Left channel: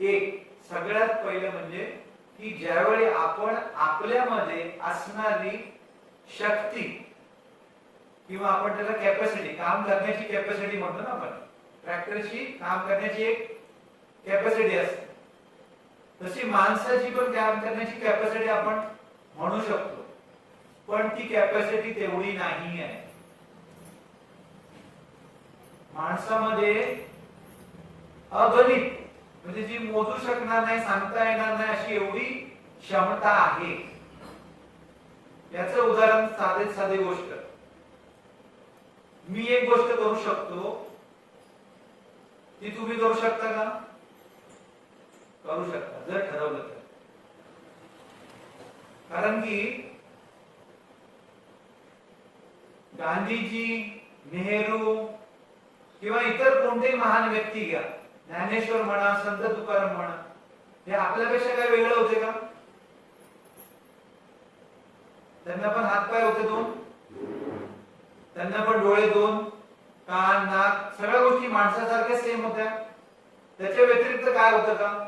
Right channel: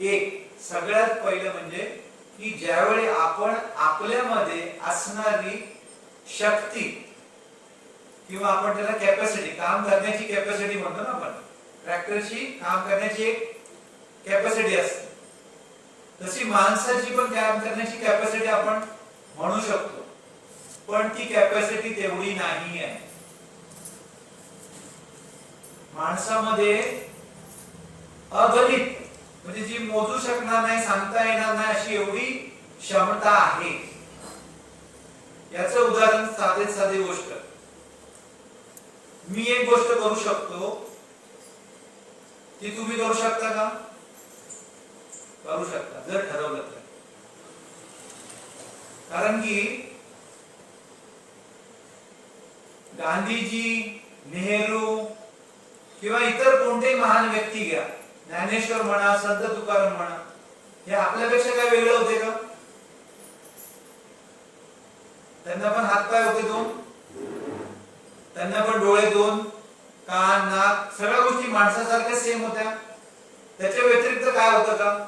एक सगळ्यात पहिलं म्हणजे की ज्यावेळी आपण आपल्यामध्ये असणारी शक्ती किंवा आपण त्याला कॅपॅसिटी, काम करण्याची कॅपॅसिटी म्हणतो ना आपण, ट्रॅक्टरची काम करण्याची एक कॅपॅसिटी असते, तशी माणसाची पण काम करण्याची कॅपॅसिटी आपण म्हणू शकतो, पण ती कॅपॅसिटी तेवढी नाही आहे. माणसामध्ये अगणित म्हणजे जी मोजू शकणार नाही, सांगता येणार नाही अशी एवढी क्षमता आहे. याचं उदाहरण साधी गोष्ट, मी एक गोष्ट करू शकतो, ती तुम्ही करू शकता का? करू शकता जर ठरवलं तर. कारण की गांधीजी, नेहरू किंवा इतर कोणतेही महान व्यक्ती घ्या, ज्ञानेश्वर म्हणा, संत तुकाराम म्हणा, हे आपल्यापेक्षा काय वेगळे होते का? त्यांना पण हातपाय होते दोन, त्यांना पण डोळे दोन, कान, नाक, सगळ्या गोष्टी माणसासारख्या सेम होत्या. त्याच्या व्यतिरिक्त काय होतं का?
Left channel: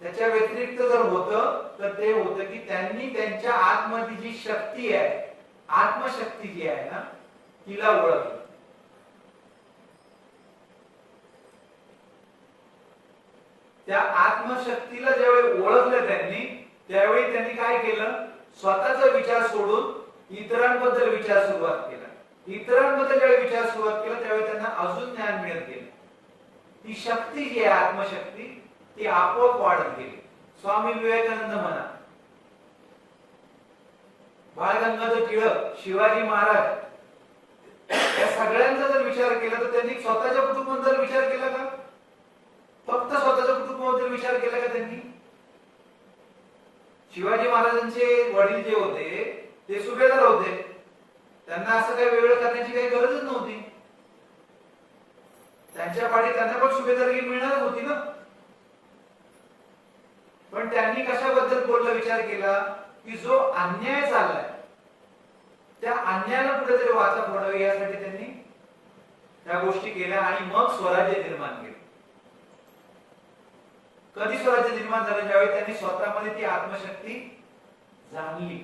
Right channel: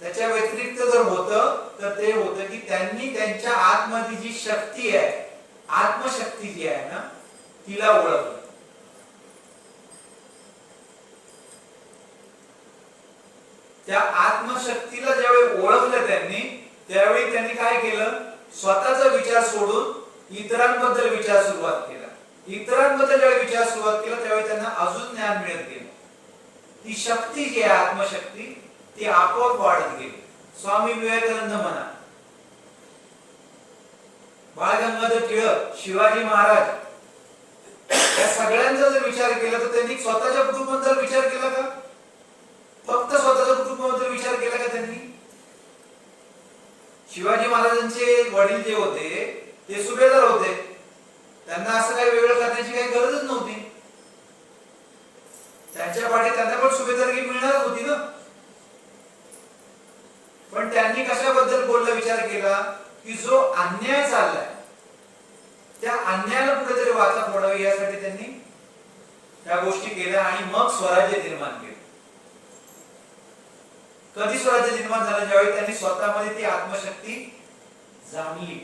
त्याच्या व्यतिरिक्त जर होतं तर ते होतं की त्यांनी त्यांच्या आतमध्ये जी शक्ती आहे, आत्मशक्ती जी आहे ना, तिला ओळखलं. त्या आत्मशक्तीला ज्यावेळी ओळखलं त्यांनी, त्यावेळी त्यांनी काय केलं? स्वतःचा विचार सोडून इतरांबद्दल विचार सुरुवात केला. इतरांबद्दल ज्यावेळी विचार सुरुवात केला त्यावेळी त्यांना अजून ज्ञान मिळत गेलं. ती शक्ती जी आहे, आत्मशक्ती, ती आपोआप वाढत गेली. स्वामी विवेकानंद म्हणा, बाळ गंगाधर टिळक, शिवाजी महाराज, या सगळ्यांचा जर विचार केला तर त्यांनी स्वतःच्या कुटुंबाबद्दल विचार केला का? फक्त स्वतःच्या कुटुंबाबद्दल विचार केला का त्यांनी? शिवाजी महाराजांचे वडील जे होते ते सुभेदार होते, त्यांना असं काही वेगळं करण्याची काही गरजच नव्हती. त्यांच्या पाठी त्यांना पण सुभेदारकी मिळणार होती ना. पण त्यांनी कशाबद्दल बोलला, विचार केला की जो अन्याय चाललाय त्या अन्यायाला कुठेतरी वाचा फोडावी, यासाठी त्यांनी त्या गोष्टी केल्या आणि मग स्वराज्य निर्माण केलं. कधी स्वराज्य निर्माण झालं? ज्यावेळी त्यांनी स्वतःमध्ये ती आत्मशक्ती जाणली.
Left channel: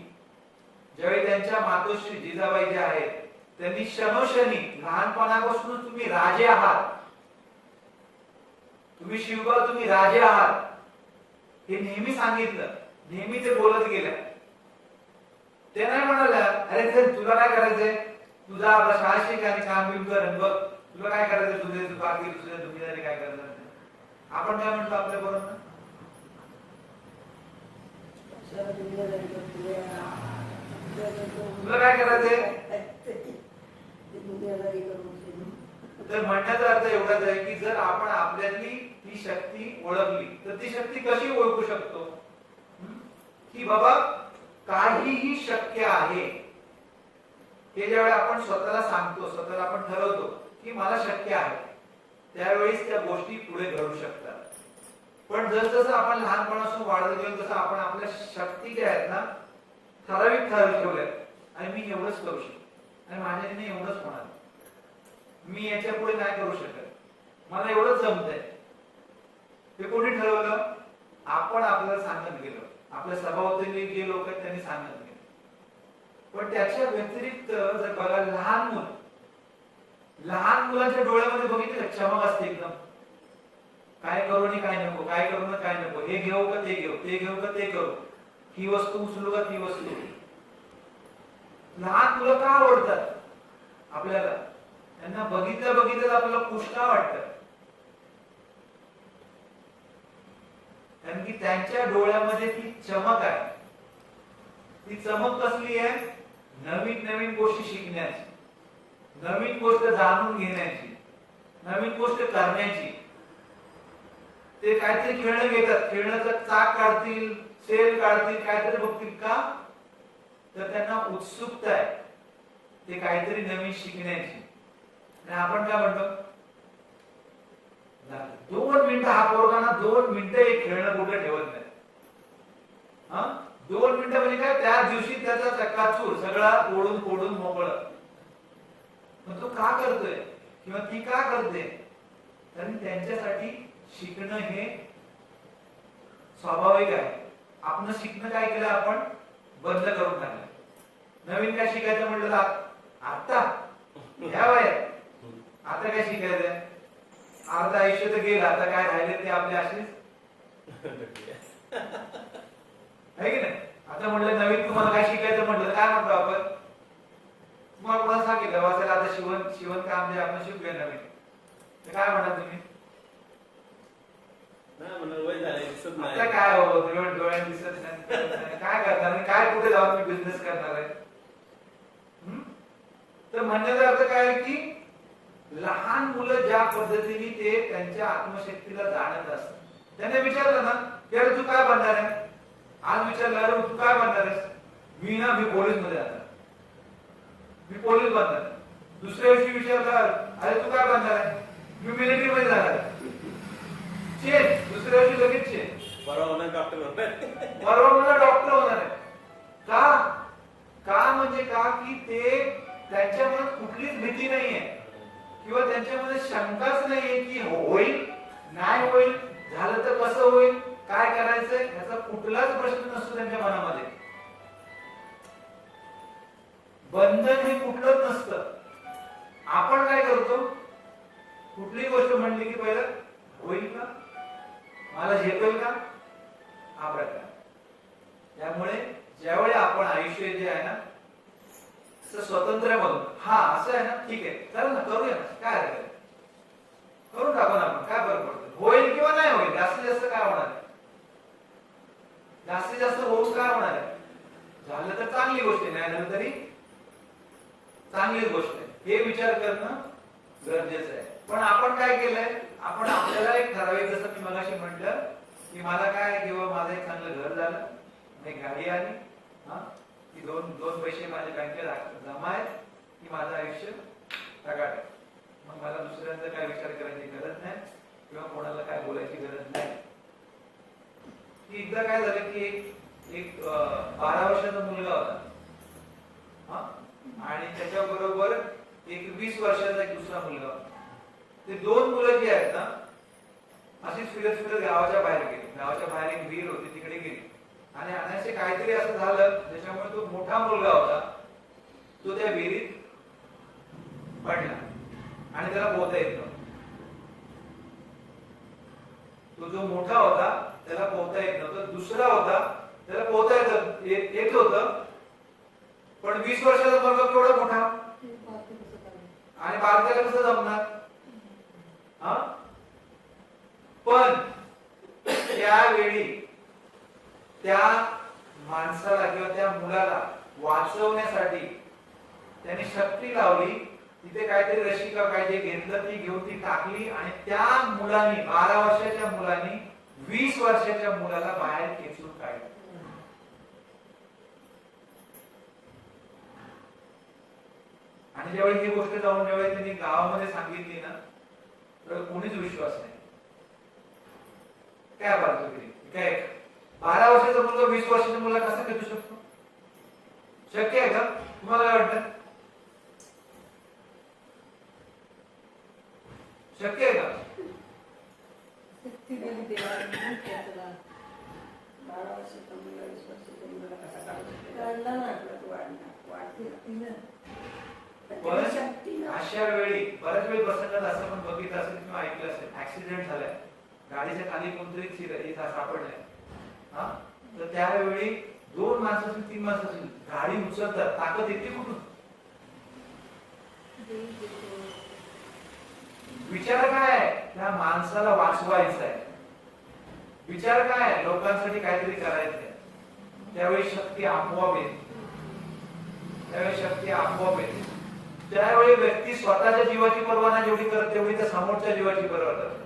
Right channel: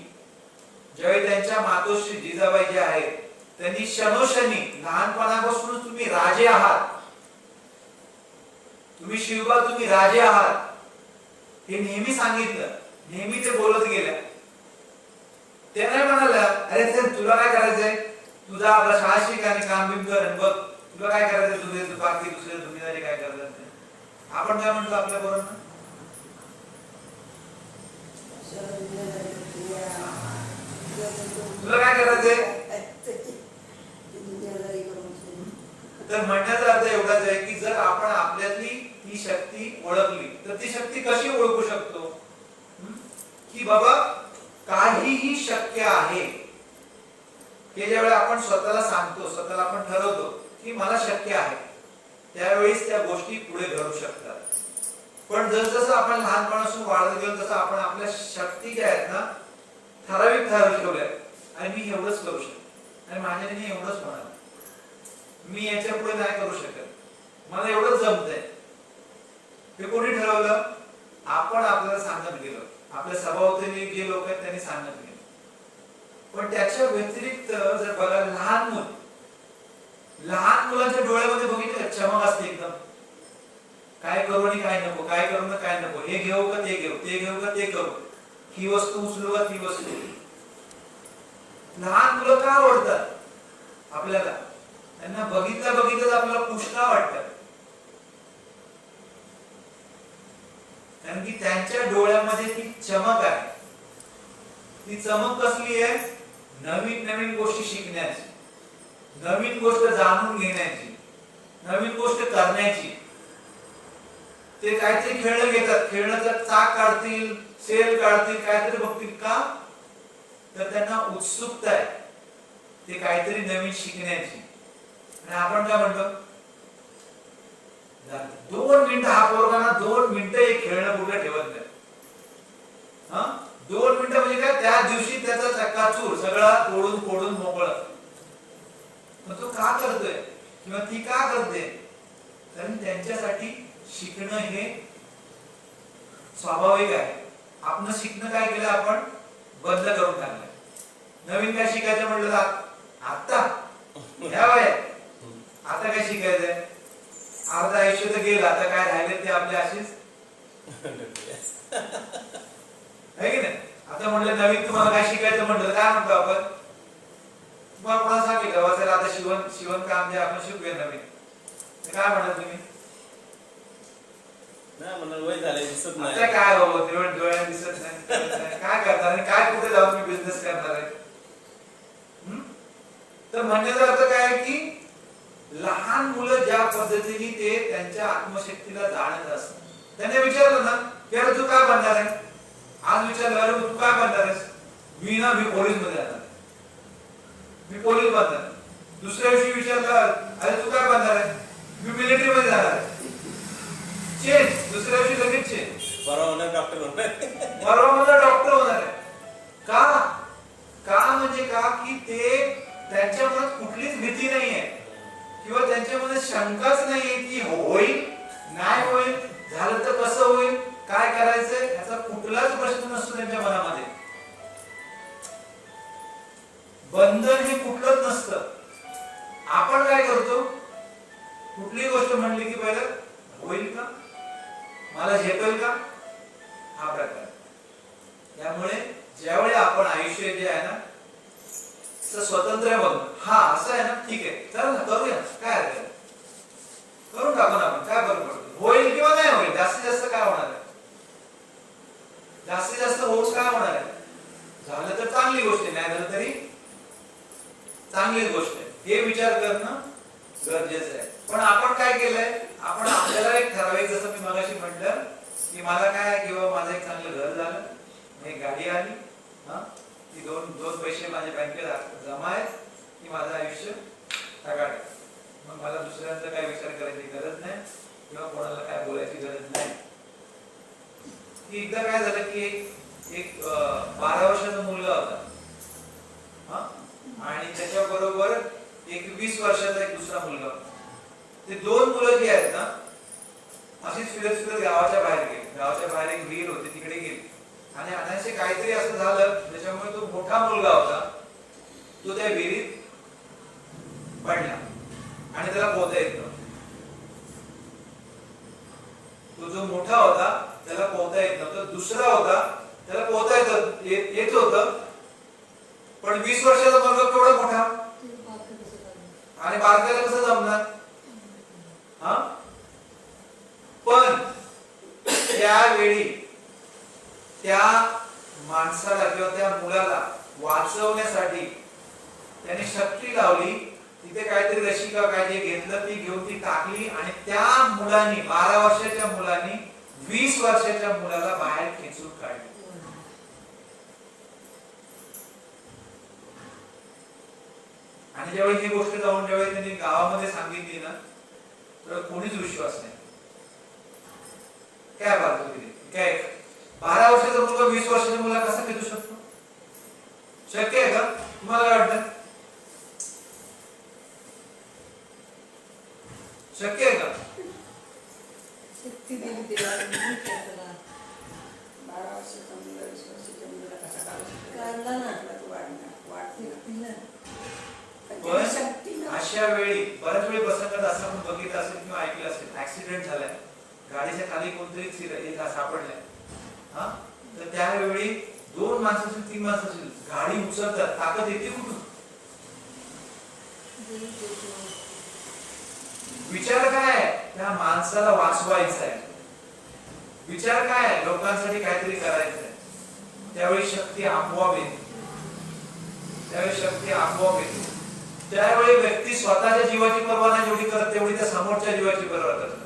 ज्यावेळी त्यांच्या मातोश्री जिजाबाई जे आहेत त्यांनी क्षणोक्षणी, लहानपणापासूनच तुम्ही राजे आहात, तुम्ही शिवबा, तुम्ही राजे आहात, हे नेहमी सांगितलं, नेहमी ते बोलत गेल्या. ते नाही म्हणाला अरे तुला काय करायचंय, तुझा आपला शाळा शिक आणि काम बिम कर आणि बघ, तुला काय करायचंय, तुझे बाकी दुसरे दुनियादारी काय करायचं. आपण काय म्हटलं आपल्या बरोबर, तुला काय करायचंय? तर म्हणण्याचा अर्थ एवढाच आहे की जर आपण आपल्यातली ती शक्ती ओळखली तर ती शक्ती कशी ओळखू शकतो? की बाबा काहीही शक्य आहे, हे ज्यावेळी आपण स्वतःला सांगतो, स्वतःला आपण ठरवतो की मला शक्य आहे, त्यावेळेस त्या गोष्टी पुढे घडू शकतात. पण जसं आपण लहानपणापासून वाढत गेलो तसं आपण आपल्या शक्ती ज्या आहेत ना, ठराविक ठेवल्या आणि मी एवढंच करू शकतो आणि माझ्याने एवढंच होणार, मी याच्या पुढे नाही करू शकत, मला एवढंच जमतंय. हे कोणी ठरवलं? आपण आपल्याला सांगत गेलो, आपल्या सभावतीने जे लोक आहेत त्यांनी सांगत गेलो. पण त्याच्या व्यतिरिक्त जर बघा, लहान मुलांच्या डोळ्यामध्ये बघितलं चमक असते एकदम, काय करू आणि काय नको, काय करू ना काय नको, हे घेऊ का ते घेऊ, ते घेऊ का ते करू, ही वस्तू उचलू का ती वस्तू. लहान मुलं का आवडतात आपल्याला? त्यांना बघितलं आपल्याला पुष्टा वाटतं, कारण की त्यांच्या डोळ्यामध्ये ती चमक आहे. ती चमक कसली आहे? नवीन नवीन गोष्टी शिकण्याची, नवीन गोष्ट जाणून घेण्याची, नवीन गोष्ट करण्याची. ते काहीतरी खेळणं घेतात, खेळण्याचं चाक काढतील, सेल काढतील, काहीतरी बघतील का? तर त्यांना उत्सुकता आहे ते काहीतरी नवीन शिकण्याची. आणि आपण काय म्हणतो, 2 मिनिटं, हा पोरगाना 2 मिनिटं एक खेळणं कुठे ठेवत नाही. 2 मिनिटं म्हणजे काय, त्या दिवशी त्याचा चक्काचूर सगळा तोडून फोडून मोकळं. मग तो का करतोय किंवा ती का करते? कारण त्यांच्यासाठी शिकणं हे स्वाभाविक आहे. आपण शिकणं काय केलं, आपण बंद करून टाकलं. नवीन काय शिकायचं म्हटलं तर आता ह्या वयात आता काय शिकायचंय, अर्ध आयुष्य तर गेलं, आता काय राहिले ते आपले असेच आहे की नाही. आता म्हटलं नवीन तुम्हाला काय शिकायचं म्हटलं काय म्हणतो आपण, तुम्हाला कोणाला सांगितलं वाचायला आता शिवण काम जे आपण शिकूया नवीन, तर काय म्हणाल तुम्ही, आता काय बाबा डोळ्याने दिसत नाही, काय करणार आणि काय कुठे जाऊन मी बिझनेस करणार आहे. तर म्हणण्याचा अर्थ काय आहे की लहान मुलं ज्या पद्धतीने ते त्यांच्या आत्मशक्तीला जाणत असतात, त्यांना विचारलं ना की अरे तू काय बनणार आहे, आज विचारलं अरे तू काय बनणार आहेस, मी पोलीस मध्ये जाणार, मी पोलीस बनणार. दुसऱ्या दिवशी विचारलं अरे तू काय बनणार आहे, मी मिलिटरी मध्ये जाणार आहे. चेंज, दुसऱ्या दिवशी लगेच चेंज, परवा डॉक्टर होणार आहे. का म्हणजे का की ते त्यांच्या मनात कुठलीच भीती नाहीये किंवा त्यांच्या मनात शंकाच नाहीये की होईल नाही होईल, झालं तर कसं होईल, काय करायचंय, याचा कुठलाच प्रश्न नसतो त्यांच्या मनामध्ये. बंधन हे कुठलंच नसतं. आपण काय करतो, कुठली गोष्ट म्हणली की पहिलं होईल का, मला झेपेल का, हा प्रकार. त्यामुळे ज्यावेळी आपण आयुष्य जे आहे ना स्वतंत्र बघ, हा असं आहे ना, ठीक आहे चल ना करूया, काय हरकत, करून टाकू ना आपण, काय फरक पडतो, होईल किंवा नाही होईल, जास्तीत जास्त काय होणार आहे, जास्तीत जास्त होऊन काय होणार आहे, झालं तर चांगली गोष्ट आहे, नाही झालं तरी चांगलीच गोष्ट आहे, हे विचार करणं गरजेचं आहे. पण आपण काय केलंय, आपण आपल्याला एक ठराविक, जसं मी मगाशी म्हटलं की मला काय किंवा माझं एक चांगलं घर झालं, एक गाडी आली, की दोन पैसे माझ्या बँकेत जमा आहेत की माझं आयुष्य सकाळी, मग मला दुसऱ्यांचा काय विचार करायची गरज नाही किंवा कोणाला काय बोलायची गरज नाही. की एकदा काय झालं की एक 12 वर्षाचा मुलगा होता आणि त्याच्या बरोबर एक 20 वर्षाचा एक दुसरा मुलगा होता. ते दोन मुलं जी आहेत ना अशीच फिरत गावाच्या बाहेर गेली. गावाच्या बाहेर एक विहीर होती, तिकडे गेली आणि अनायासे काहीतरी असं झालं त्याच्यामुळे तो मोठा मुलगा होता तो त्या विहिरीत पडला आणि त्याला पोहता येत नव्हतं. तो जो मोठा होता त्याला पोहता येत नव्हतं, दुसरा होता त्याला पोहता येत होतं, पण 20 वर्षाचा मुलगा केवढा मोठा आणि बारकायला कसं जमणार. पण त्यावेळी त्या माणसाला किंवा त्या मुलाला वाचवण्यासाठी त्याने शक्ती लावली, तिथे काहीतरी रशी का काय जे घेतलं ती घेऊन ती टाकली आणि त्या मुलाने 12 वर्षाच्या मुलाने 20 वर्षाच्या मुलाला बाहेर खेचून काढलं. आणि ज्यावेळी ही गोष्ट जाऊन ज्यावेळी त्यांनी गावामध्ये सांगितली ना तर कोणीच विश्वास नाही. काय बाजू काय 12 वर्षाचा मुलगा 20 वर्षाच्या मुलाला कसा खेचू शकतो, शक्य आहे का, तुम्हाला काय वाटतं, शक्य आहे का. शक्ती दिली देवाला. 12 वर्षाचा मुलगा 20 वर्षाच्या मुलाला कसा काढला ना, पण अशा वेळी बऱ्याच वेळी प्रसंगात असं पण बघितलं असेल किंवा ऐकलं असेल, ऍक्सिडेंट झालाय, गाडीच्या खाली कोणतरी सापडलंय, तर त्यावेळी 2 माणसं असतील 3 माणसं असतील, गाडी उचलतात, ताकद येते कुठून. विचार काय आहे, त्या माणसाला वाचवायचं आहे, विचार काय आहे, लोकांसाठी काहीतरी करायचंय. त्यावेळी शक्ती आपोआप येते, त्यावेळी व्यक्ती स्वतःच्या जीवाची पर्वा नाही जेवढी करत तेवढी त्या समोरच्या जीवाची पर्वा करतात.